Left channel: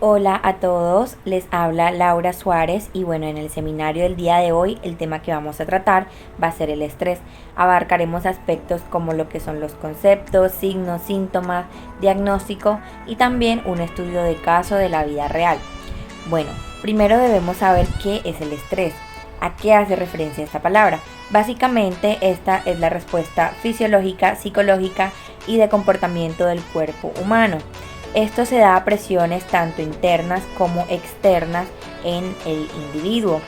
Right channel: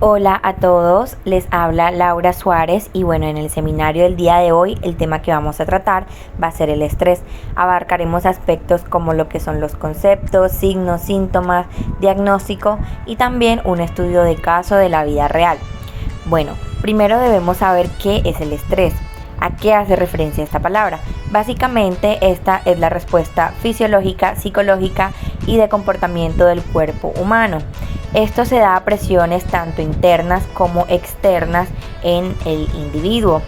Hola a todos, les habla Laura Suárez y bueno, en el seminario del día de hoy el tema que vamos a tratar va a ser el estrés. Abarcaremos aspectos como lo que son los conceptos, signos, síntomas, diagnóstico y también un estudio de caso de la vida real. Bueno, primero debemos saber qué es el estrés. ¿A qué hace referencia esta palabra? Básicamente esta es la respuesta fisiológica, psicológica y de comportamiento del cuerpo humano. Esto se da a presiones tanto internas como externas en el individuo.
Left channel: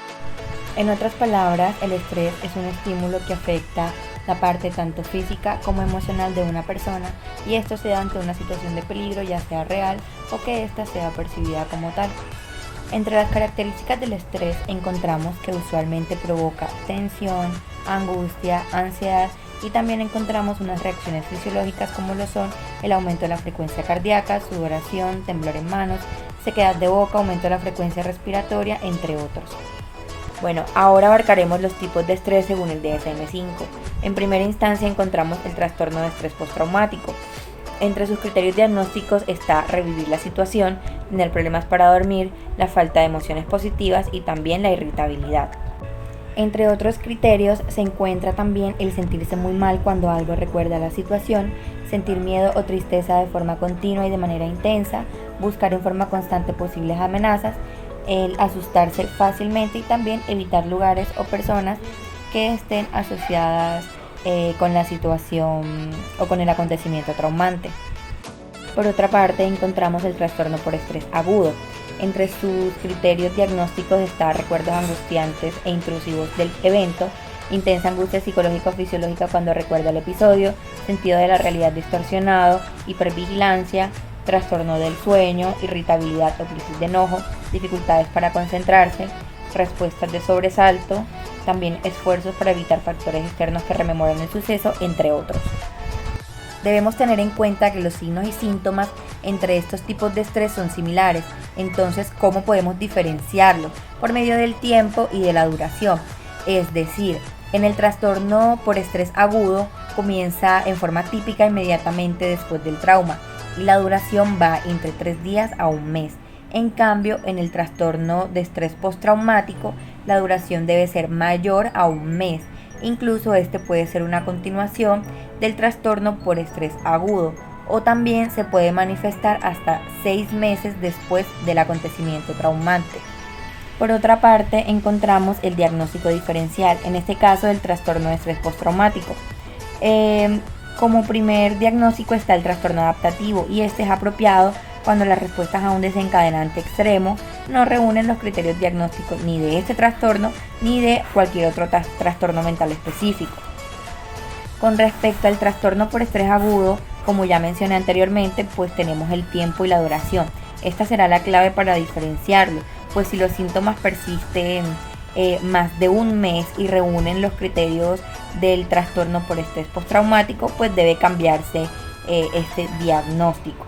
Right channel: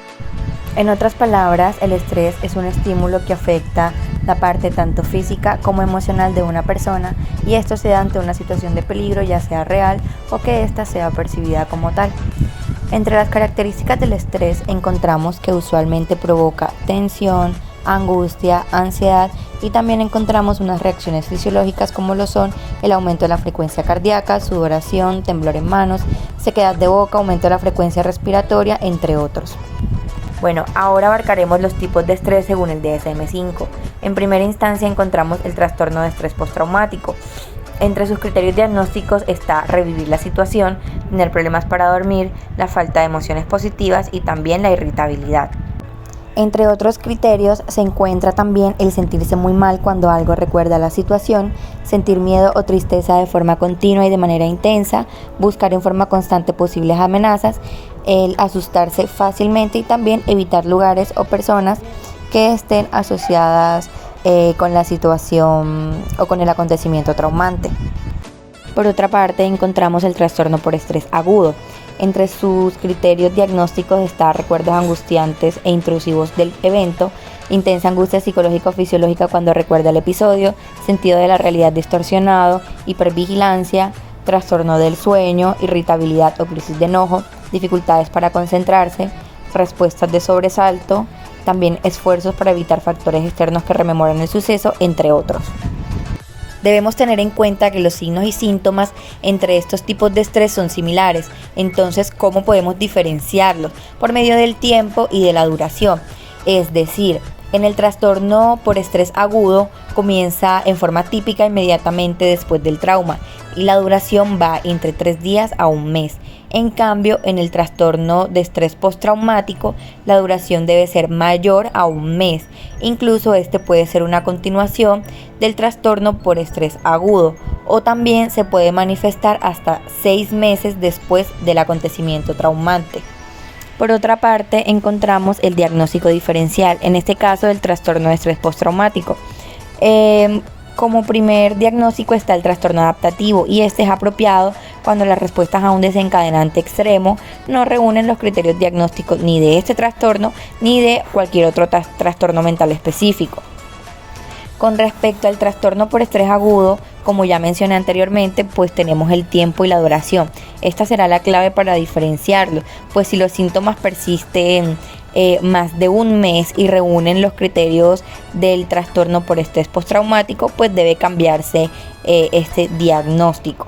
En otras palabras, el estrés es un estímulo que afecta la parte tanto física como emocional de una persona y esto se da ante una situación de peligro, ya sea real o que ésta sea percibida como tal. Entre las características del estrés encontramos que usualmente provoca tensión, angustia, ansiedad y también encontramos unas reacciones fisiológicas como lo son el aumento de la frecuencia cardíaca, sudoración, temblor en manos, sequedad de boca, aumento de la frecuencia respiratoria, entre otros. Bueno, ahora abarcaremos los tipos de estrés según el DSM-5. En primera instancia encontramos el trastorno de estrés postraumático. Entre sus criterios diagnósticos está revivir la situación, tener problemas para dormir, la falta de emociones positivas y también la irritabilidad. Entre otros criterios se encuentra también el sentirse muy mal cuando algo recuerda la situación, sentir miedo o tristeza de forma continua y de manera intensa, buscar en forma constante posibles amenazas, el asustarse fácilmente y también evitar lugares o personas que estén asociadas con la situación o con el acontecimiento traumante. Por otra parte, encontramos el trastorno por estrés agudo. Entre sus criterios diagnósticos está recuerdos angustiantes e intrusivos del evento, intensa angustia psicológico-fisiológica cuando recuerda el episodio, sentido de la realidad distorsionado, hipervigilancia, trastorno del sueño, irritabilidad o crisis de enojo, dificultades para concentrarse, respuestas de sobresalto, también esfuerzos para evitar factores externos que rememoran el suceso, entre otros. Debemos tener en cuenta que los signos y síntomas entre estos tipos de estrés son similares. Entonces, ¿cómo podemos diferenciarlos? Por medio del tiempo y de la duración. Es decir, en el trastorno por estrés agudo comienza en forma típica inmediatamente después del trauma y la duración va entre 3 días a un mes. En cambio, en el trastorno de estrés postraumático, la duración debe ser mayor a un mes. Incluso este puede ser una continuación del trastorno por estrés agudo o también se puede manifestar hasta 6 meses después del acontecimiento traumante. Por otra parte, encontramos el diagnóstico diferencial, en este caso del trastorno de estrés postraumático. Como primer diagnóstico está el trastorno adaptativo y este es apropiado cuando las respuestas a un desencadenante extremo no reúnen los criterios diagnósticos ni de este trastorno ni de cualquier otro trastorno mental específico. Con respecto al trastorno por estrés agudo, como ya mencioné anteriormente, pues tenemos el tiempo y la duración. Esta será la clave para diferenciarlo, pues si los síntomas persisten más de un mes y reúnen los criterios del trastorno por estrés postraumático, pues debe cambiarse este diagnóstico.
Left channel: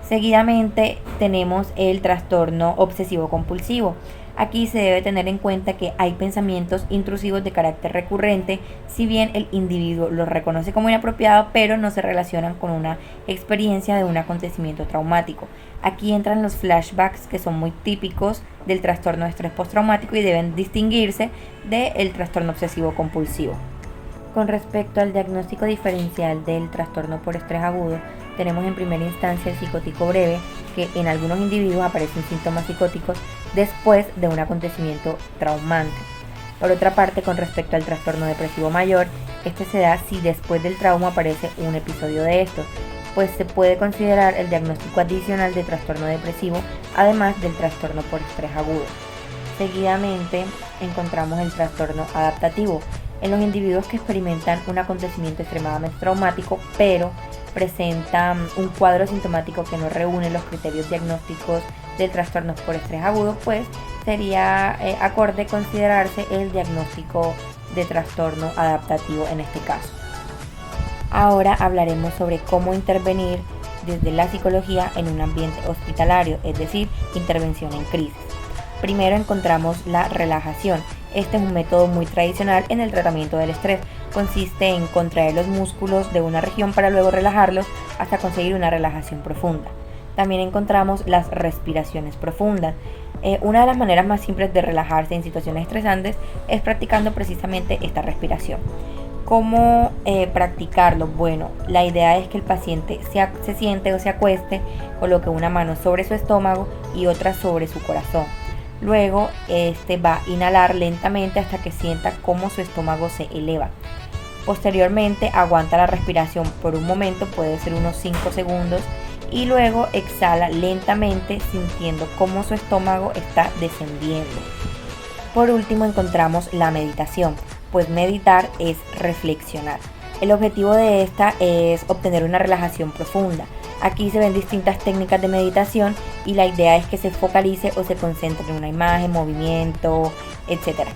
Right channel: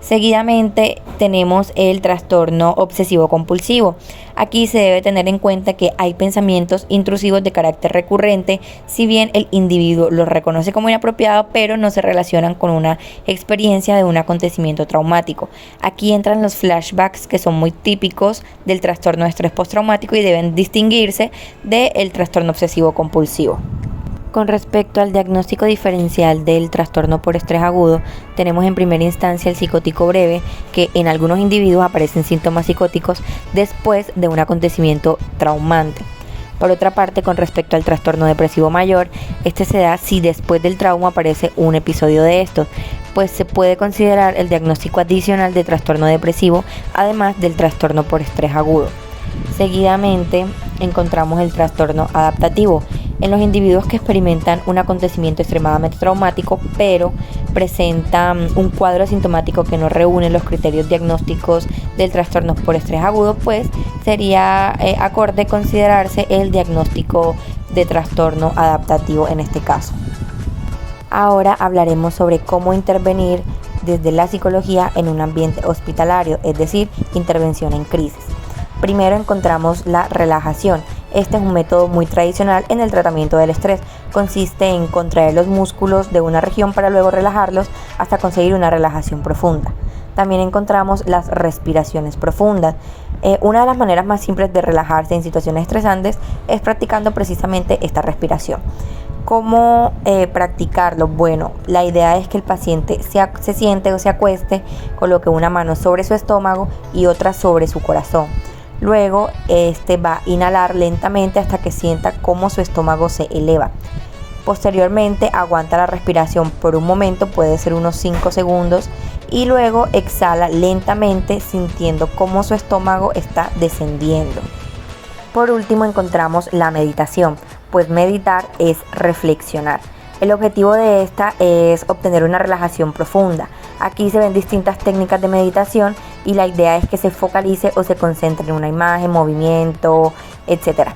Seguidamente tenemos el trastorno obsesivo compulsivo. Aquí se debe tener en cuenta que hay pensamientos intrusivos de carácter recurrente, si bien el individuo los reconoce como inapropiados, pero no se relacionan con una experiencia de un acontecimiento traumático. Aquí entran los flashbacks que son muy típicos del trastorno de estrés postraumático y deben distinguirse del trastorno obsesivo compulsivo. Con respecto al diagnóstico diferencial del trastorno por estrés agudo, tenemos en primera instancia el psicótico breve, que en algunos individuos aparecen síntomas psicóticos después de un acontecimiento traumante. Por otra parte, con respecto al trastorno depresivo mayor, este se da si después del trauma aparece un episodio de estos, pues se puede considerar el diagnóstico adicional de trastorno depresivo, además del trastorno por estrés agudo. Seguidamente encontramos el trastorno adaptativo en los individuos que experimentan un acontecimiento extremadamente traumático, pero presentan un cuadro sintomático que no reúne los criterios diagnósticos del trastorno por estrés agudo, pues sería acorde considerarse el diagnóstico de trastorno adaptativo en este caso. Ahora hablaremos sobre cómo intervenir desde la psicología en un ambiente hospitalario, es decir, intervención en crisis. Primero encontramos la relajación. Este es un método muy tradicional en el tratamiento del estrés. Consiste en contraer los músculos de una región para luego relajarlos hasta conseguir una relajación profunda. También encontramos las respiraciones profundas. Una de las maneras más simples de relajarse en situaciones estresantes es practicando precisamente esta respiración. ¿Cómo practicarlo? Bueno, la idea es que el paciente se siente o se acueste, coloque una mano sobre su estómago y otra sobre su corazón. Luego, va a inhalar lentamente hasta que sienta cómo su estómago se eleva. Posteriormente, aguanta la respiración por un momento, puede ser unos 5 segundos, y luego exhala lentamente sintiendo cómo su estómago está descendiendo. Por último, encontramos la meditación, pues meditar es reflexionar. El objetivo de esta es obtener una relajación profunda. Aquí se ven distintas técnicas de meditación y la idea es que se focalice o se concentre en una imagen, movimiento, etc.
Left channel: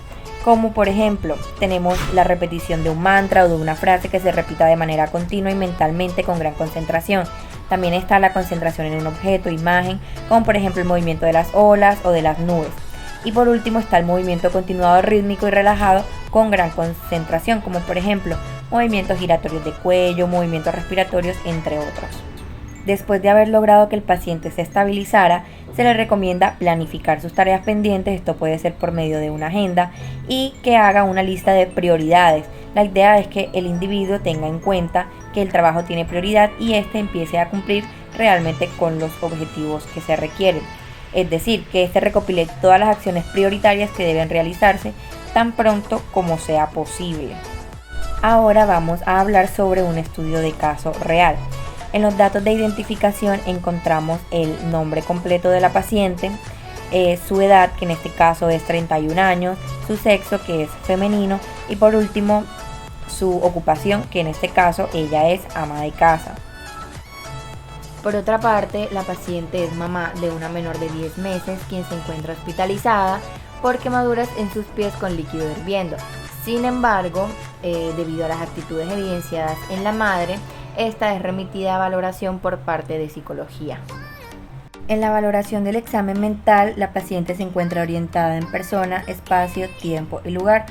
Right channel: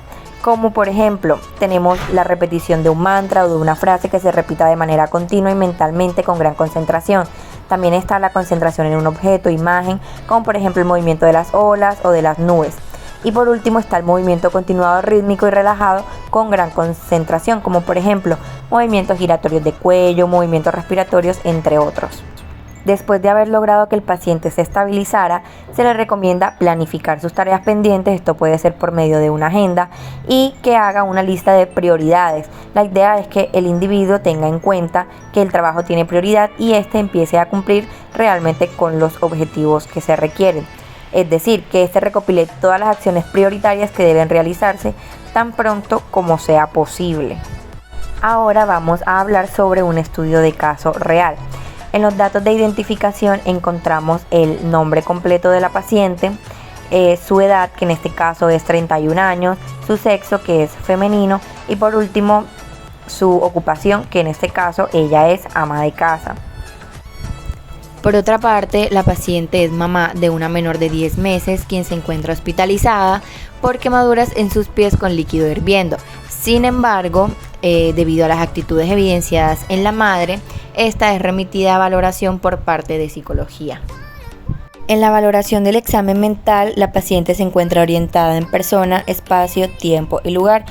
Como por ejemplo, tenemos la repetición de un mantra o de una frase que se repita de manera continua y mentalmente con gran concentración. También está la concentración en un objeto, imagen, como por ejemplo el movimiento de las olas o de las nubes. Y por último está el movimiento continuado rítmico y relajado con gran concentración, como por ejemplo movimientos giratorios de cuello, movimientos respiratorios, entre otros. Después de haber logrado que el paciente se estabilizara, se le recomienda planificar sus tareas pendientes, esto puede ser por medio de una agenda, y que haga una lista de prioridades. La idea es que el individuo tenga en cuenta que el trabajo tiene prioridad y empiece a cumplir realmente con los objetivos que se requieren. Es decir, que recopile todas las acciones prioritarias que deben realizarse tan pronto como sea posible. Ahora vamos a hablar sobre un estudio de caso real. En los datos de identificación encontramos el nombre completo de la paciente, su edad, que en este caso es 31 años, su sexo, que es femenino, y por último su ocupación, que en este caso ella es ama de casa. Por otra parte, la paciente es mamá de una menor de 10 meses, quien se encuentra hospitalizada por quemaduras en sus pies con líquido hirviendo. Sin embargo, debido a las actitudes evidenciadas en la madre, esta es remitida a valoración por parte de psicología. En la valoración del examen mental, la paciente se encuentra orientada en persona, espacio, tiempo y lugar.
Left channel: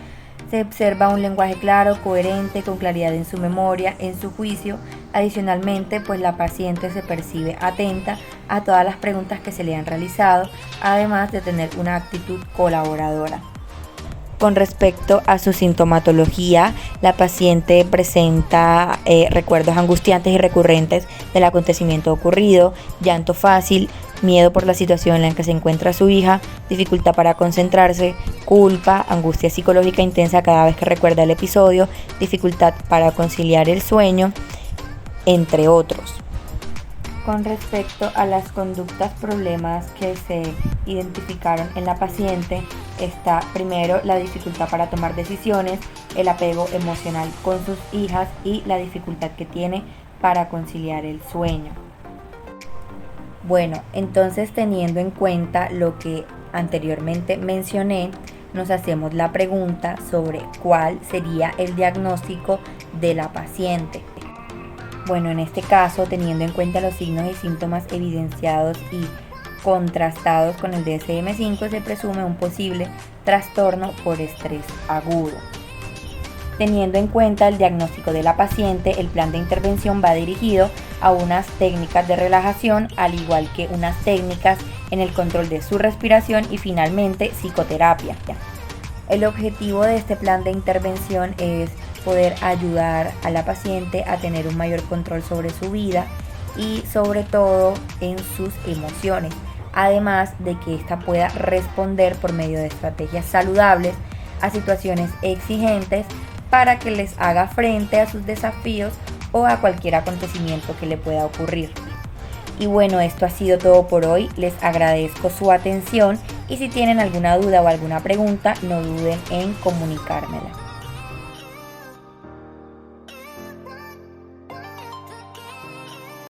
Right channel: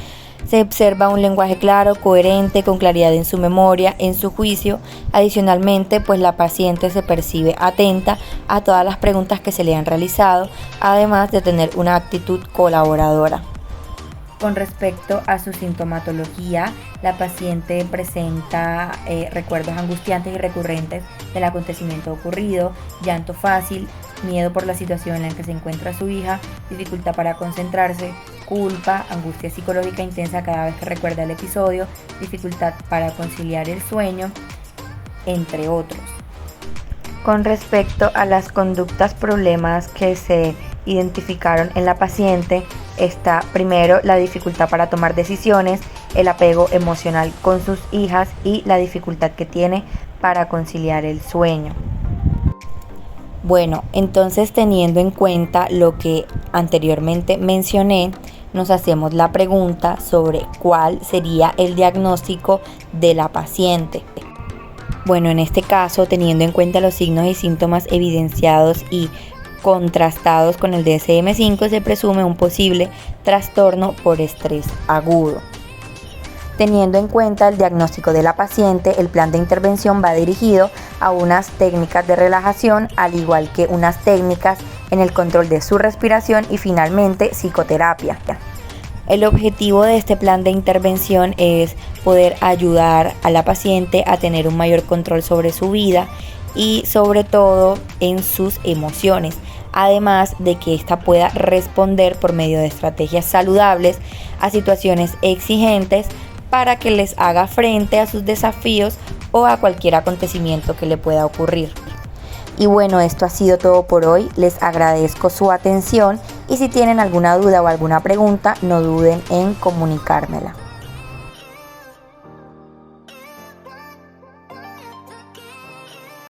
Se observa un lenguaje claro, coherente, con claridad en su memoria, en su juicio. Adicionalmente, pues la paciente se percibe atenta a todas las preguntas que se le han realizado, además de tener una actitud colaboradora. Con respecto a su sintomatología, la paciente presenta recuerdos angustiantes y recurrentes del acontecimiento ocurrido, llanto fácil, miedo por la situación en la que se encuentra su hija, dificultad para concentrarse, culpa, angustia psicológica intensa cada vez que recuerda el episodio, dificultad para conciliar el sueño, entre otros. Con respecto a las conductas problemas que se identificaron en la paciente, está primero la dificultad para tomar decisiones, el apego emocional con sus hijas y la dificultad que tiene para conciliar el sueño. Bueno, entonces teniendo en cuenta lo que anteriormente mencioné, nos hacemos la pregunta sobre cuál sería el diagnóstico de la paciente. Bueno, en este caso, teniendo en cuenta los signos y síntomas evidenciados y contrastados con el DSM-5, se presume un posible trastorno por estrés agudo. Teniendo en cuenta el diagnóstico de la paciente, el plan de intervención va dirigido a unas técnicas de relajación, al igual que unas técnicas en el control de su respiración y finalmente psicoterapia. El objetivo de este plan de intervención es poder ayudar a la paciente a tener un mayor control sobre su vida y sobre todo en sus emociones, además de que ésta pueda responder por medio de estrategias saludables a situaciones exigentes para que les haga frente a sus desafíos o a cualquier acontecimiento que le pueda ocurrir. Y bueno, esto ha sido todo por hoy. Les agradezco su atención y si tienen alguna duda o alguna pregunta, no duden en comunicármela.